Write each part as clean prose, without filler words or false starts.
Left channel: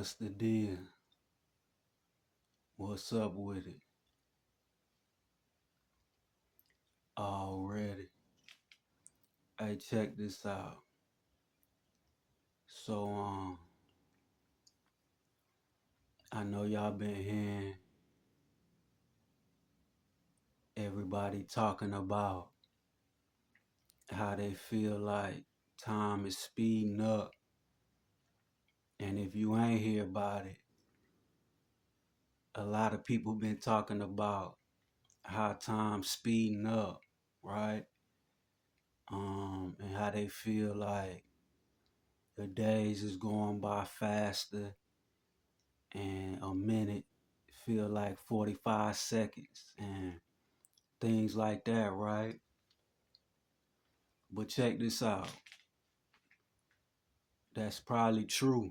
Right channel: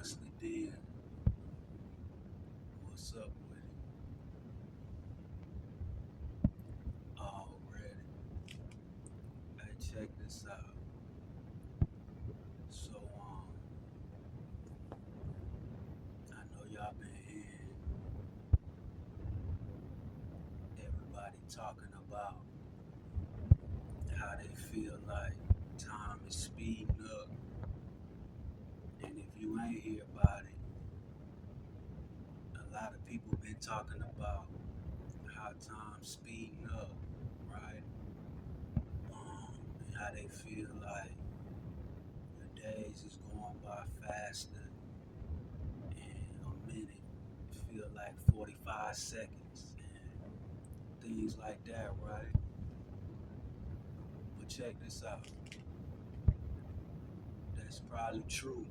What's the deal? What's up with it? Already. Hey, check this out. So, I know y'all been hearing everybody talking about how they feel like time is speeding up. And if you ain't hear about it, a lot of people been talking about how time's speeding up, right? And how they feel like the days is going by faster and a minute feel like 45 seconds and things like that, right? But check this out. That's probably true.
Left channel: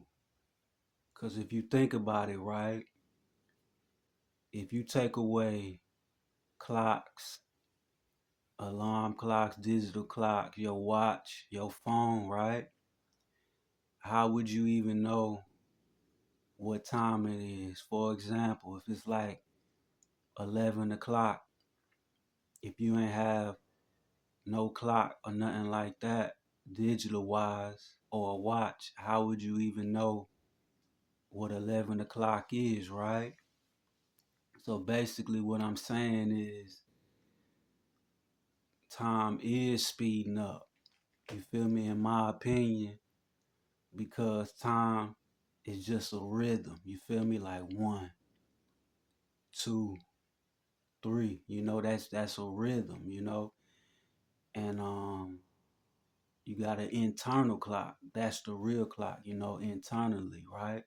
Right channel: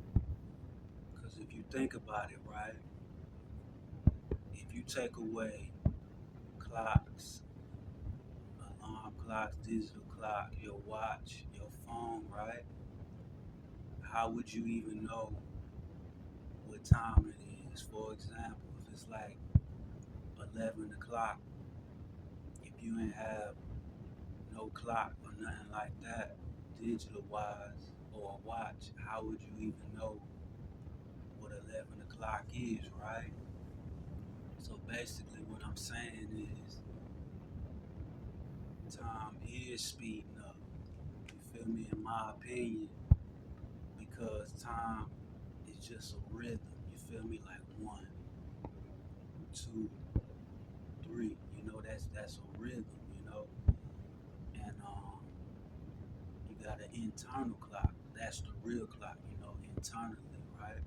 Because if you think about it, right? If you take away clocks, alarm clocks, digital clocks, your watch, your phone, right? How would you even know what time it is? For example, if it's like 11 o'clock, if you ain't have no clock or nothing like that, digital wise, or a watch, how would you even know what 11 o'clock is, right? So basically, what I'm saying is time is speeding up. You feel me? In my opinion, because time is just a rhythm. You feel me? Like one, two, three. That's a rhythm. And you got an internal clock. That's the real clock. Internally, right?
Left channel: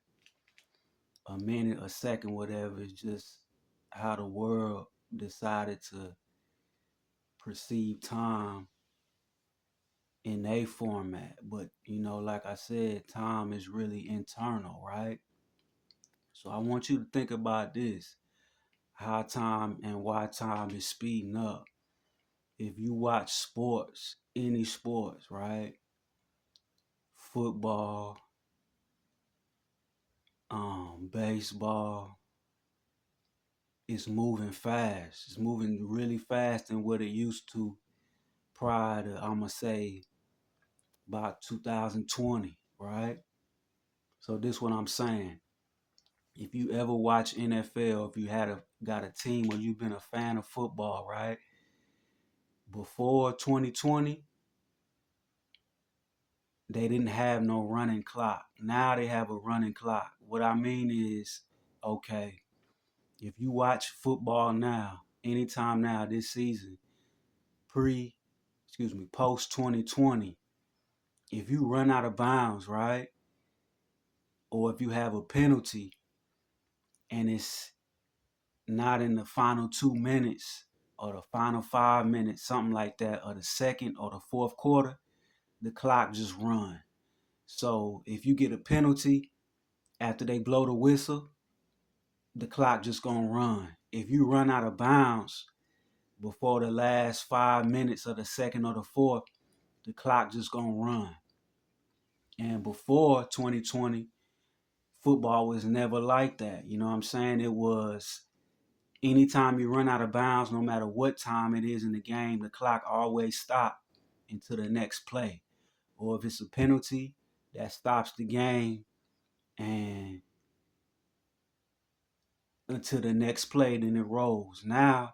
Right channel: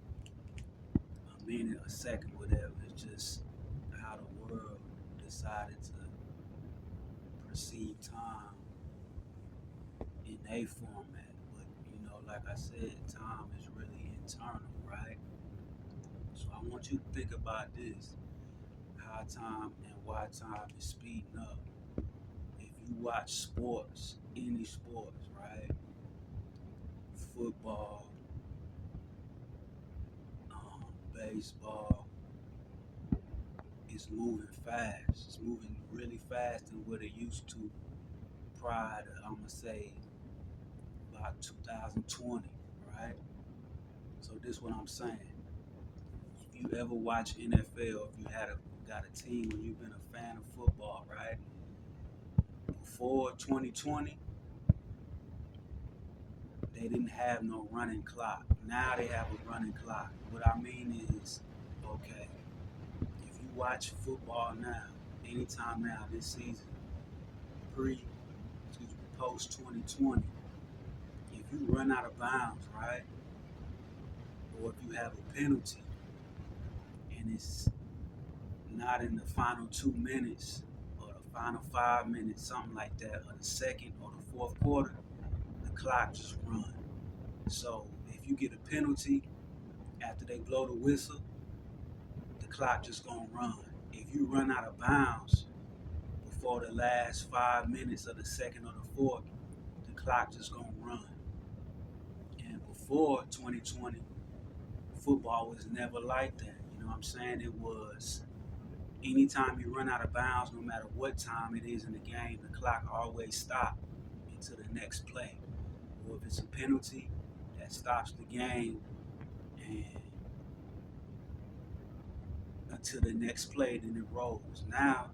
A minute, a second, whatever. It's just how the world decided to perceive time in a format. But like I said, time is really internal, right? So I want you to think about this: how time and why time is speeding up. If you watch sports, any sports, right? Football, baseball, it's moving fast. It's moving really fast than what it used to prior to, I'ma say, about 2020, right? So this what I'm saying. If you ever watch NFL, if you got a team or you've been a fan of football, right? Before 2020, they didn't have no running clock. Now they have a running clock. What I mean is, okay, if you watch football now, anytime now this season, post 2020, if you run out of bounds, right? Or if you have a penalty and it's not in the final 2 minutes or the final 5 minutes, something like that, or the second or the fourth quarter, the clock just run. So if you get a penalty after they blow the whistle, the clock just gonna run. If you run out of bounds before the last 5 minutes of the second or the fourth, the clock just gonna run. And before 2020, football was never like that. You know what I'm saying? It was anytime you run out of bounds, no matter what time it is in the game, the clock always stopped into the next play. Or if it's a penalty, that stops the game and until the next play, then it rolls. Now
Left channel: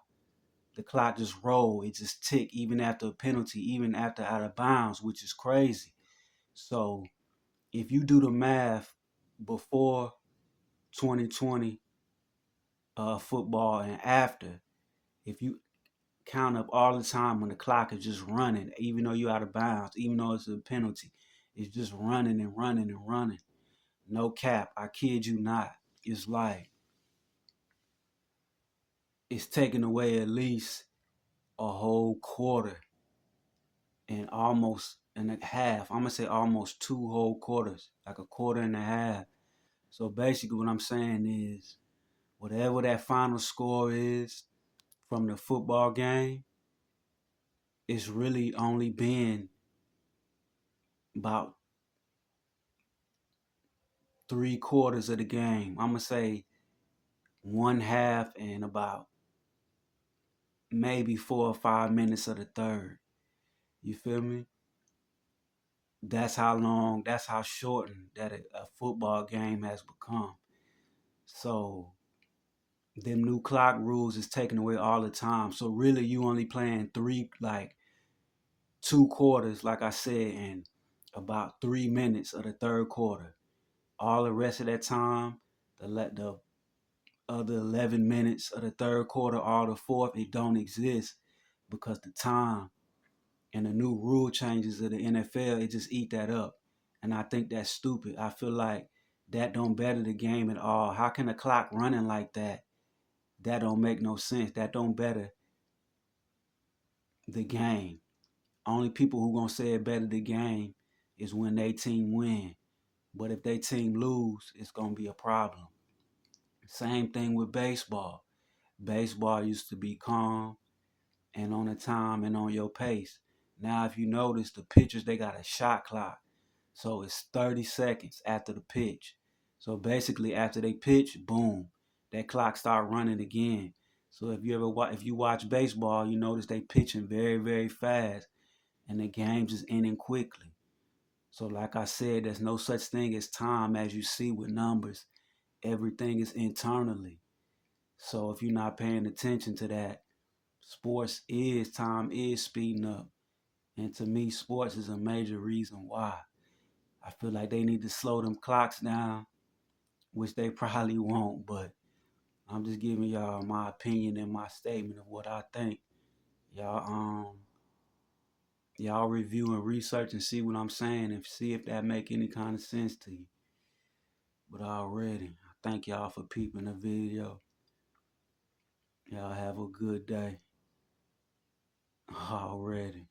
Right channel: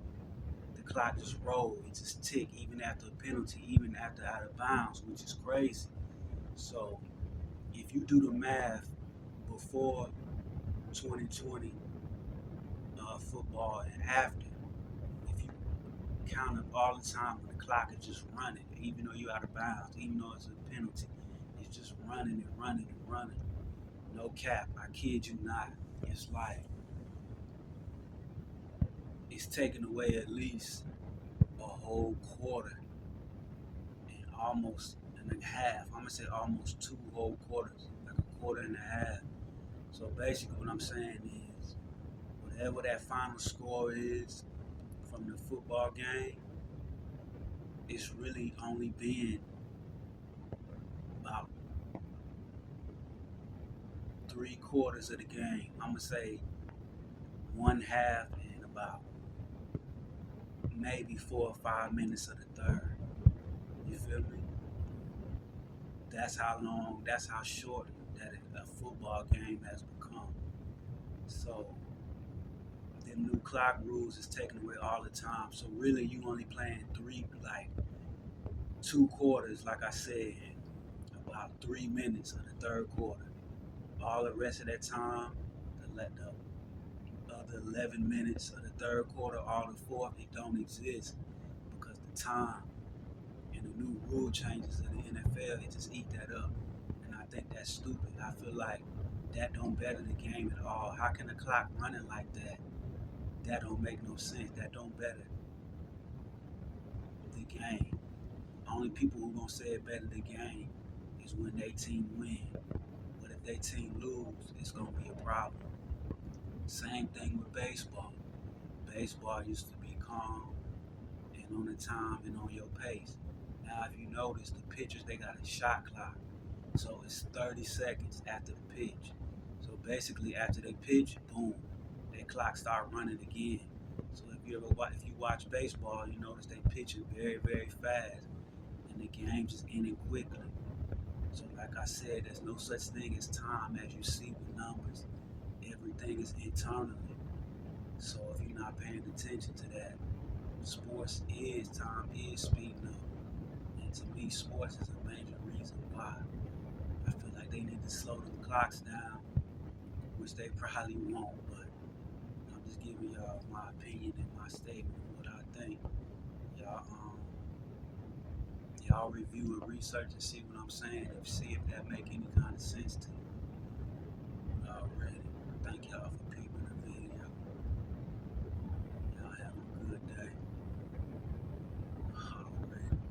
the clock just roll. It just tick even after a penalty, even after out of bounds, which is crazy. So if you do the math before 2020 football and after, if you count up all the time when the clock is just running, even though you're out of bounds, even though it's a penalty, it's just running and running and running. No cap, I kid you not. It's like it's taking away at least a whole quarter and almost and a half. I'm gonna say almost two whole quarters, like a quarter and a half. So basically, what I'm saying is, whatever that final score is from the football game, it's really only been about 3 quarters of the game. I'm gonna say one half and about maybe 4 or 5 minutes of the third. You feel me? That's how long, that's how shortened that a football game has become. So them new clock rules is taken away all the time. So really you only playing 2 quarters, like I said, in about 3 minutes of the third quarter. All the rest of that time, the other 11 minutes of the third quarter, all the fourth, it don't exist because the time and the new rule changes of the NFL, it just eat that up. And I think that's stupid. I feel like that don't better the game at all. How can a clock running like that? That don't make no sense. That don't better the game. Only people who gonna say it better the game is when they team win. But if they team lose, it's gonna be a problem. Same thing with baseball. Baseball used to be calm and on the time and on your pace. Now, if you notice, the pitchers, they got a shot clock. So it's 30 seconds after the pitch. So basically, after they pitch, boom, that clock start running again. So if you watch baseball, you notice they pitching very, very fast, and the game's just ending quickly. So like I said, there's no such thing as time as you see with numbers. Everything is internally. So if you're not paying attention to that, time is speeding up. And to me, sports is a major reason why. I feel like they need to slow them clocks down, which they probably won't, but I'm just giving y'all my opinion and my statement of what I think. Y'all y'all review and research and see what I'm saying and see if that make any kind of sense to you. But already, thank y'all for peeping the video. Y'all have a good day. Already.